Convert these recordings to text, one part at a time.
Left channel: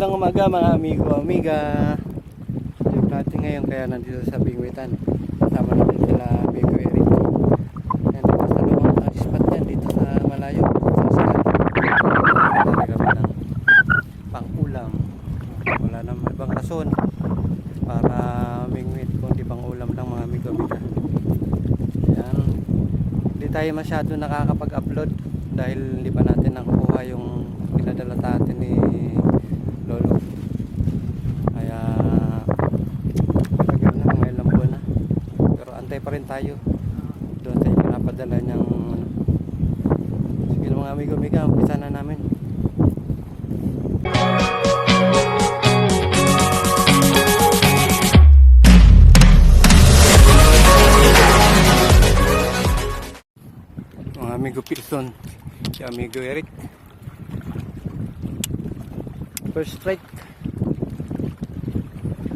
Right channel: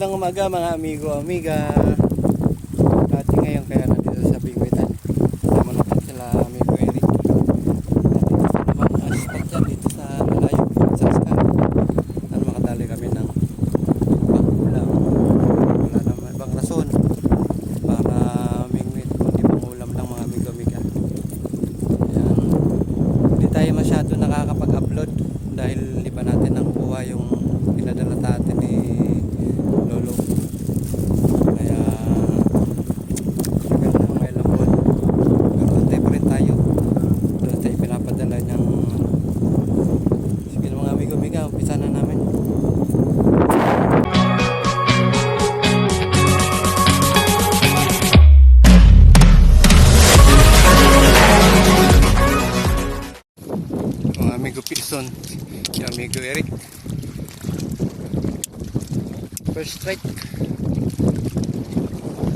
Magandang umaga mga amigo, amiga. Natin ngayon kaya nandito sa Bingwitan. Kasama natin sila amigo Eric. At spot yan dito sa malayo. Sa Ascar. Nakatali kami ng pang-ulam. Wala naman ibang rason para mingwit kundi pang-ulam lang mga amigo, amiga. Ayan. Hindi tayo masyado nakakapag-upload dahil hindi pa natin nakukuha yung pinadala natin ni Lolo. Kaya may lambon. Pero antay pa rin tayo. Doon tayo pinapadala niyang sige mga amigo, amiga, umpisa na namin. Mga amigo Pilson, si amigo Eric. First strike.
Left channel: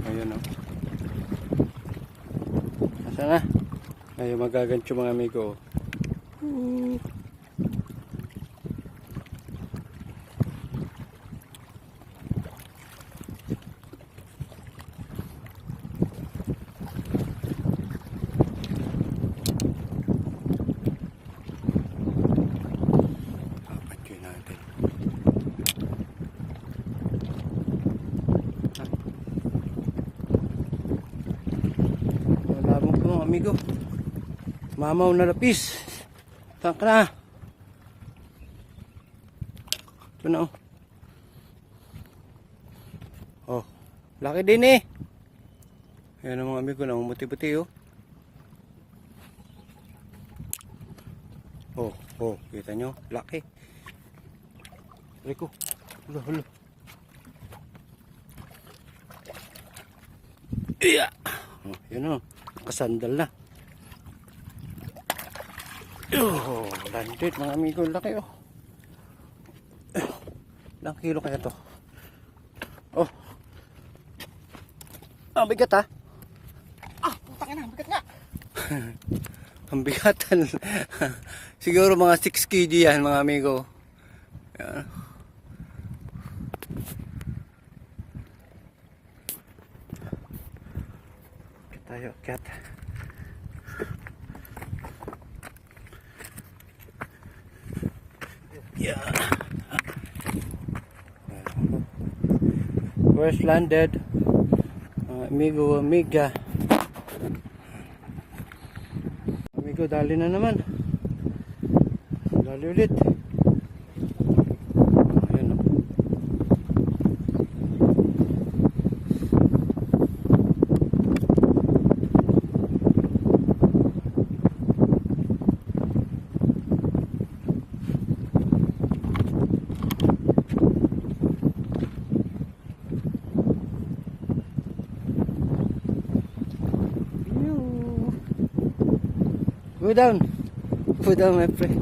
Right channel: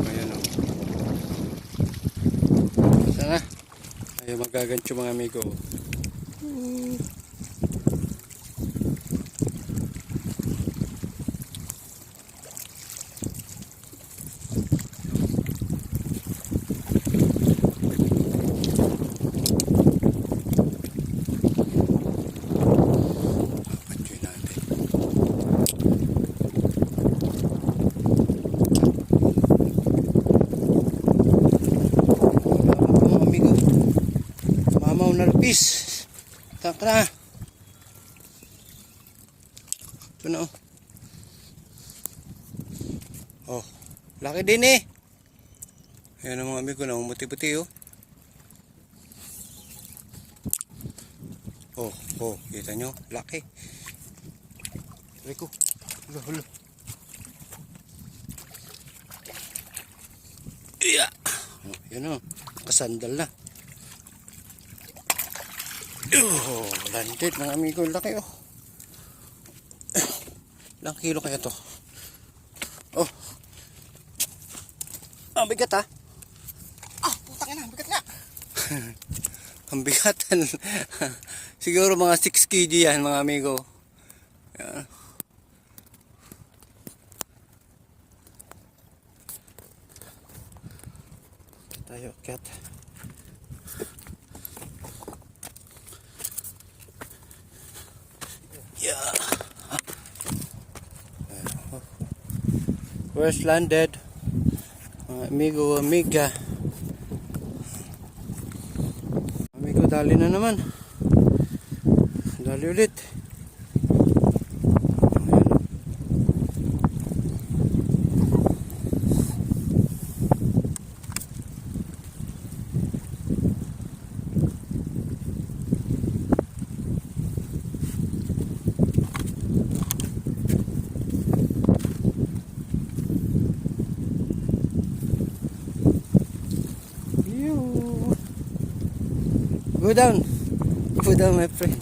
Ayun o. Sana ayaw magagancho mga amigo. Gancho natin. Amigo, mamaw na lapis. Tangka na. Ito na oh, laki din eh. Ayan ang mga amigo na umuti-puti oh. Oh, kita nyo, laki. Ito, hulo. Iya. Oh, yun oh. Kasandal na. Oh, landed mga amigo, laki oh. Ilang kilo kaya to? Oh. Ang bigat ha. Putang ina, bigat nga. Ang bigatan. Siguro mga 6 kg yan mga amigo. Yan. Tayo, cat. Yeah. Where's landed? Amigo, amiga. Amigo, dali na naman. Dali ulit. Go down. Go down, my friend.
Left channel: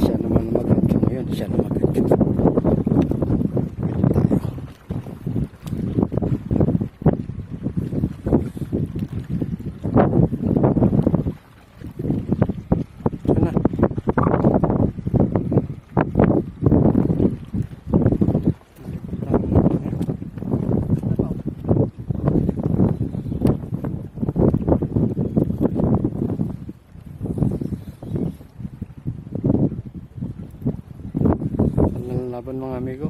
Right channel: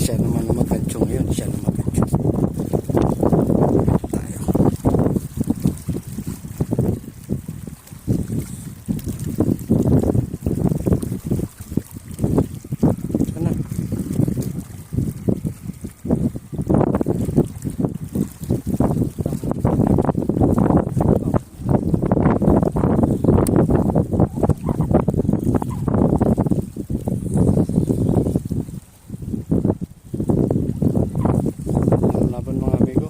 Siya naman ang magancho ngayon. Siya naman magancho. Dito tayo. Sana. Laban mga amigo,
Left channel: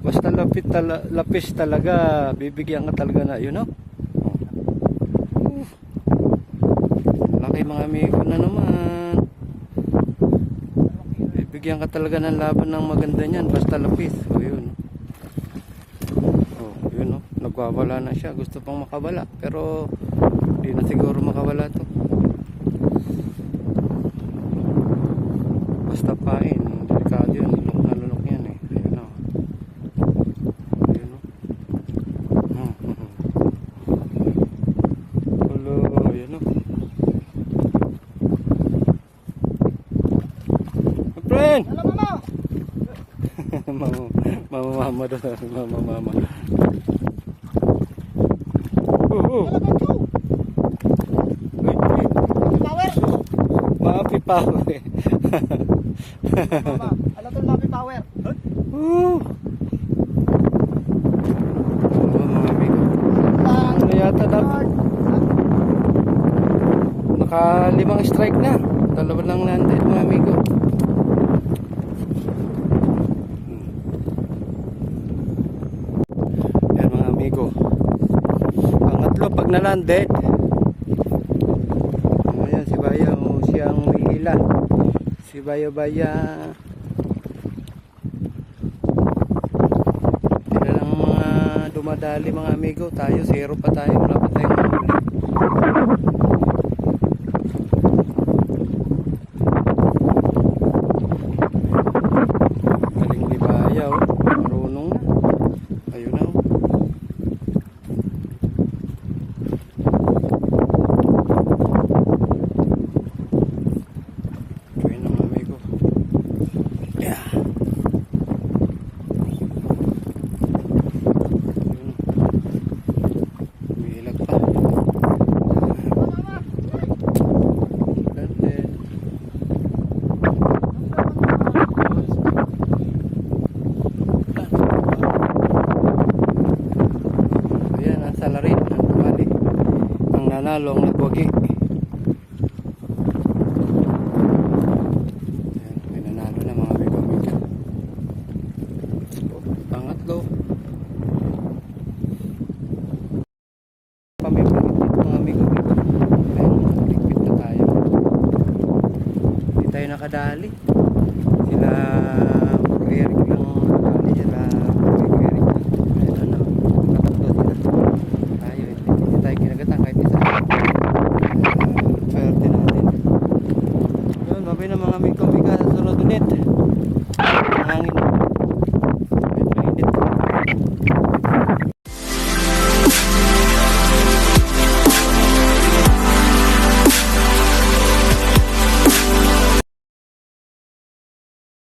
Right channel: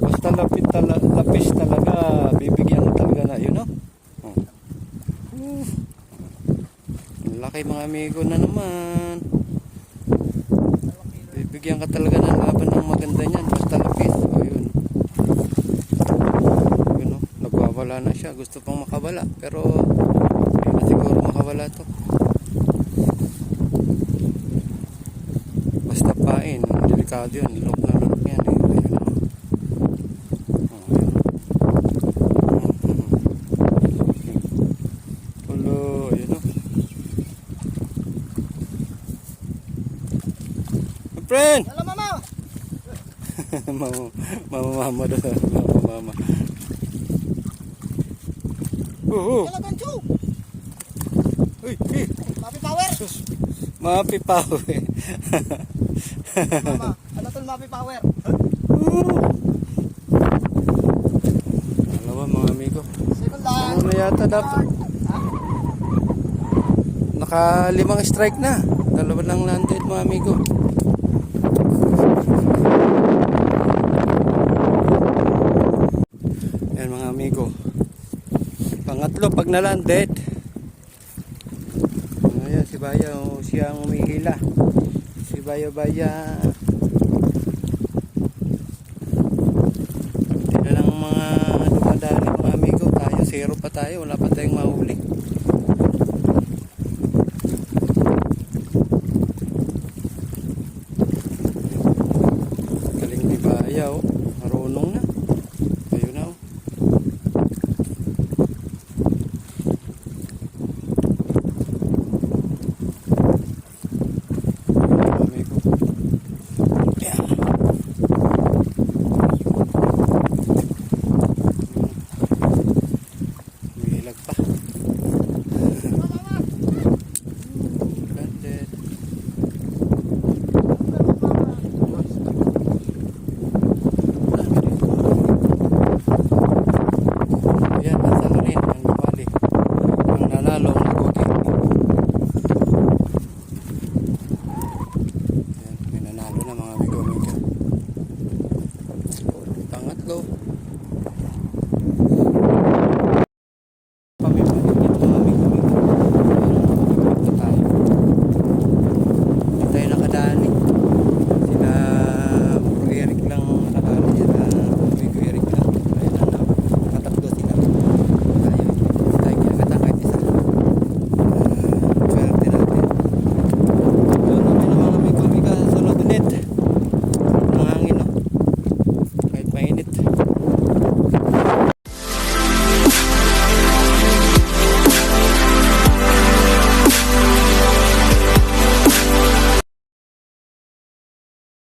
basta lapis talaga, bibigyan ka talaga na yun, no? Laki mga amigo na naman, bibigyan ka talaga ng laban ng maganda niyan basta lapis. O yun, no? Nagwawala na siya, gusto pang makawala pero hindi na siguro makawala to. Basta pain, delikado yun, lulok na lulok yan. Hello, yun o. Friend! Hello, mama. Mama daw. Mama. Mapi power. Mapi power. Mama, ano tol mapi power? Woo! Dalawa mga amigo. Ano yata dapat? Naka 5 strike na. Dalawa lang landed mga amigo. Yan mga amigo. Pangatlo pag na-landed. Ayan si Baya, oh, siyang humihila. Si Baya Baya. Hindi na lang mga dumadali mga amigo. Tayo, 0 pa tayo. Wala pa tayong mahuli.